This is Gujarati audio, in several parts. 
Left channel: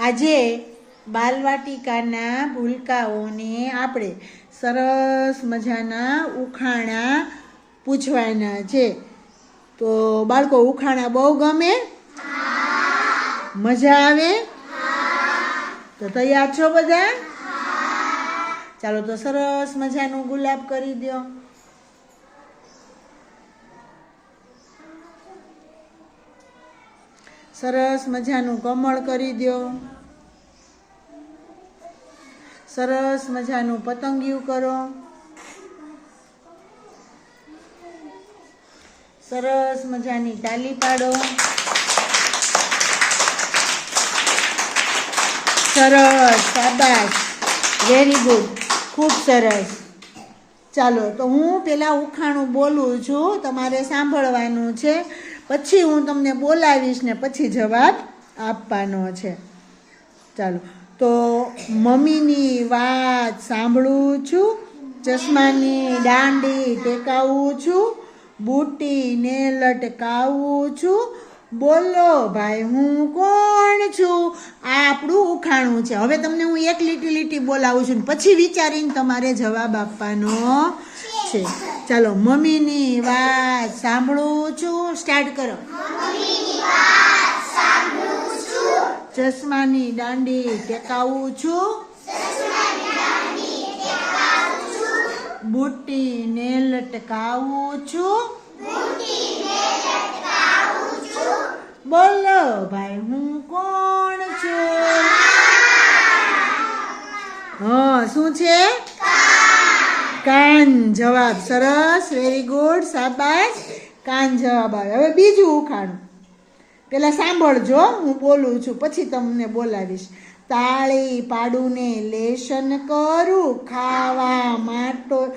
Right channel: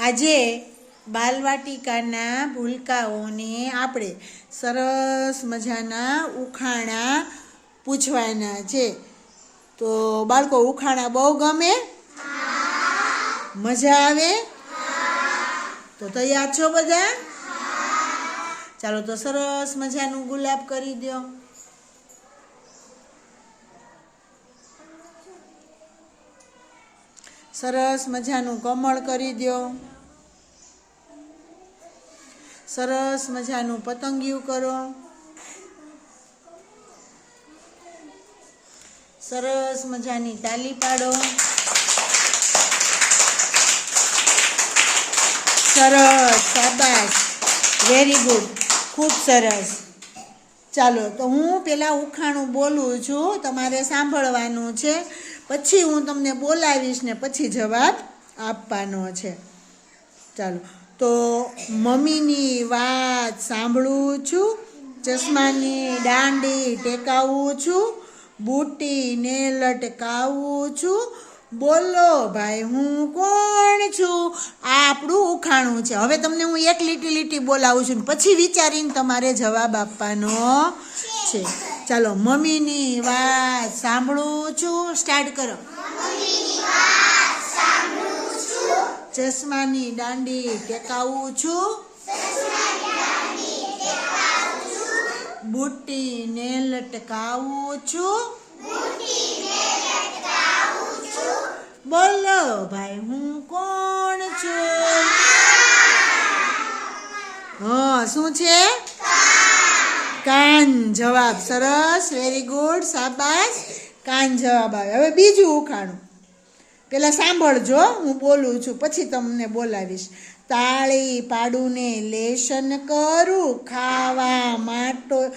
આજે બાલવાટિકાના ભૂલકાઓને આપણે સરસ મજાના ઉખાણા પૂછવાના છે. તો બાળકો, ઉખાણા બહુ ગમે? મજા આવે? તો તૈયાર છો બધા? ચાલો તો સરસ મજાનું ગુલાબ કરી દો સરસ મજાનું કમળ કરી દો સરસ મજાનું પતંગિયું કરો. સરસ મજાની તાલી પાડો. સરસ, શાબાશ. વેરી ગુડ ખૂબ સરસ. ચાલો, તો હું પેલા ઉખાણું બોલું છું, તમારે સાંભળવાનું છે. પછી હું તમને બોલાવીશ ને પછી જવાબ આપવાનો છે. ચાલો, તો મમ્મીની વાત સાંભળું છું, ચશ્માની દાંડી ટેકાવું છું, બુટીને લટકાવું છું. બોલો ભાઈ, હું કોણ છું? આપણું ઉખાણું છે. હવે તમને હું એક લીટી લીટી બોલાવું છું પછી વિચારીને તમારે જવાબ આપવાનો છે. ચાલો, મમ્મીની વાત સાંભળું છું? સ્ટાર્ટ કરો. ચશ્માની દાંડી ટેકાવું છું. બુટીને લટકાવું છું. બોલો ભાઈ, હું કોણ છું? હા, શું છે? કાન જવાબ, સરસ વેરી ગુડ શાબાશ. કાન જવાબ આવે. હવે બીજું ઉખાણું. પેલા સાંભળજો, હું બોલું છું, પછી તમને બોલાવીશ. તાળી પાડુને લેશન કરું, ખાવા માટો,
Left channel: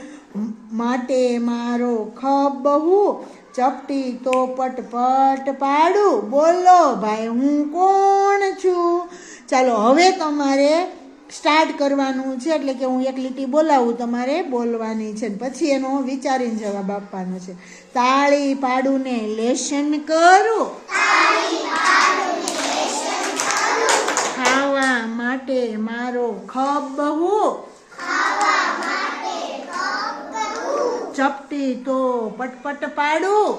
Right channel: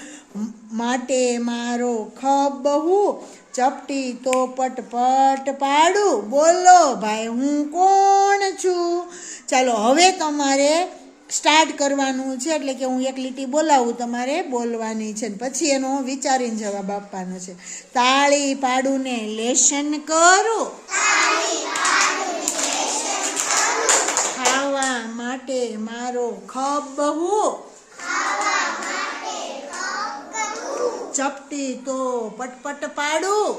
માટે મારો ખબહુ ચપટી તો પટપટ પાડું. બોલો ભાઈ, હું કોણ છું? ચાલો, હવે તમારે સ્ટાર્ટ કરવાનું છે, એટલે કે હું એક લીટી બોલાવું તમારે બોલવાની છે ને પછી એનો વિચારીને જવાબ આપવાનો છે. તાળી પાડુને લેશન કરું. ખાવા માટે મારો ખબહુ ચપટી તો પટપટ પાડું.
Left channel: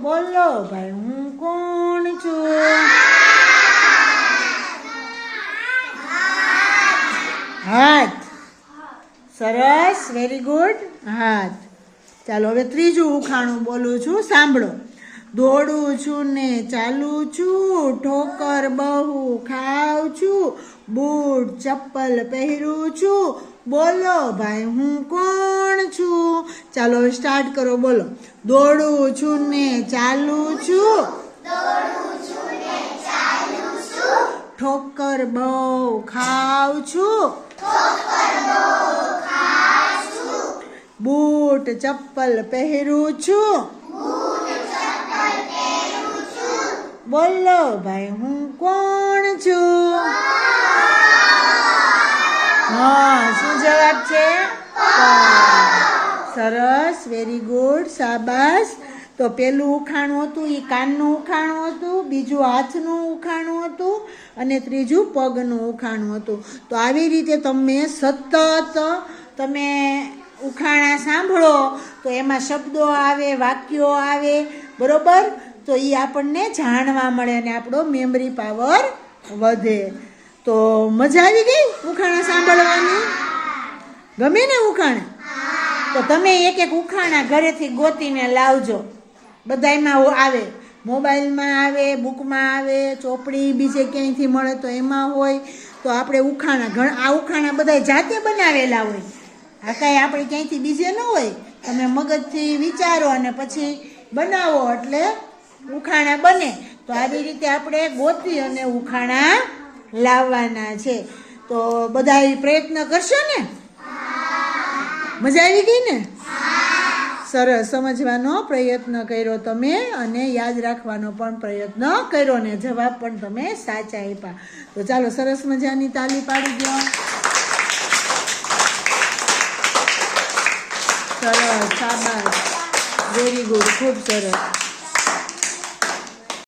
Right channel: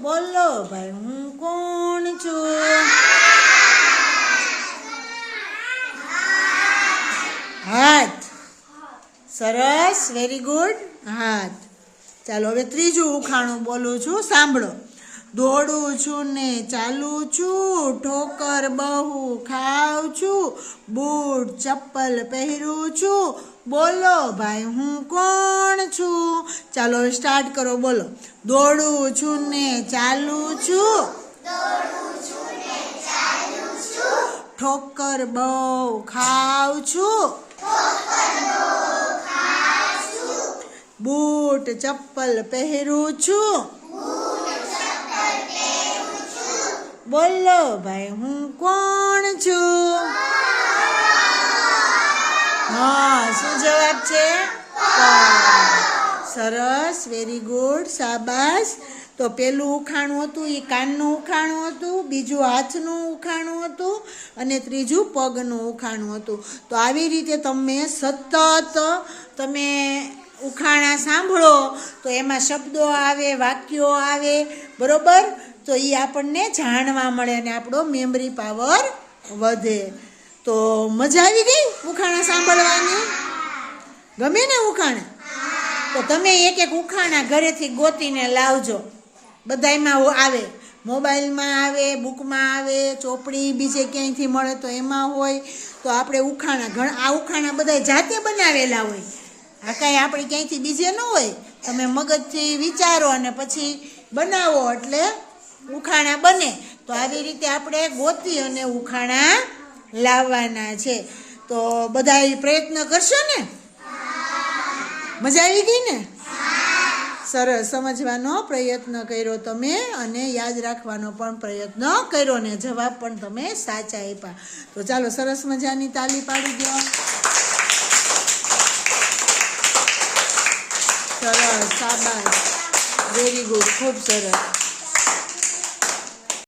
બોલો ભાઈ, હું કોણ છું? હાથ. સરસ વેરી ગુડ હાથ. ચાલો, હવે ત્રીજું ઉખાણું બોલું છું. સાંભળો. દોડું છું ને ચાલું છું. ઠોકર બહુ ખાઉં છું. બૂટ, ચપ્પલ પહેરું છું. બોલો, ભાઈ, હું કોણ છું? ચાલો સ્ટાર્ટ કરો, બોલો. દોડું છું ને ચાલું છું. ઠોકર બહુ ખાઉં છું. બૂટ ચપ્પલ પહેરું છું. બોલો ભાઈ, હું કોણ છું? હા, શું જવાબ છે? સરસ વેરી ગુડ શાબાશ. તો પેલું ઉખાણું હતું એ કાનનું ઉખાણું હતું, બીજું હાથનું ઉખાણું હતું અને ત્રીજું પગનું ઉખાણું હતું. તો આવી રીતે તમે સતત તમે ઉખાણા સાંભળો, તો એમાં શબ્દો આવે, વાક્યો આવે, બરોબર? તો એ આપણને જાણવા મળે અને આપણો મેમરી પાવર વધે. તો મજા આવી ગઈ ઉખાણા સાંભળવાની? ગમે ને ઉખાણા? તો તમે એક એક ઉખાણા ઘરેથી ગોતીને લાવજો. બધાયમાં આવે મોબાઈલમાં આવે, બુકમાં આવે, ચોપડી બીજે ક્યાંયથી મળે તો એમાં હોય. તો આપણે ઉખાણા, ઘણા, આ ઉખાણા બધા જાતે બનાવેલા હોય. આ કાંઈ આપણે ક્યાંયથી બીજે ન હોય. તમે મગજથી વિચારો અને પછી બનાવો એટલે ઉખાણા બને. તો આવી રીતે આપણે ગોતી અને ઉખાણા લાવવાના છે. તો બધા પ્રયત્ન કરશો ને? મજા આવી ગઈ ને? સરસ, સમજવાનો પ્રયત્ન કર્યો તમે અને યાદ રાખવાનો પણ પ્રયત્ન કર્યો ને જવાબ પણ તમે સાચા આપ્યા. તો ચાલો સરસ મજાની તાલી પાડી દો. સરસ સાબાસ વેરી ગુડ ખૂબ સરસ.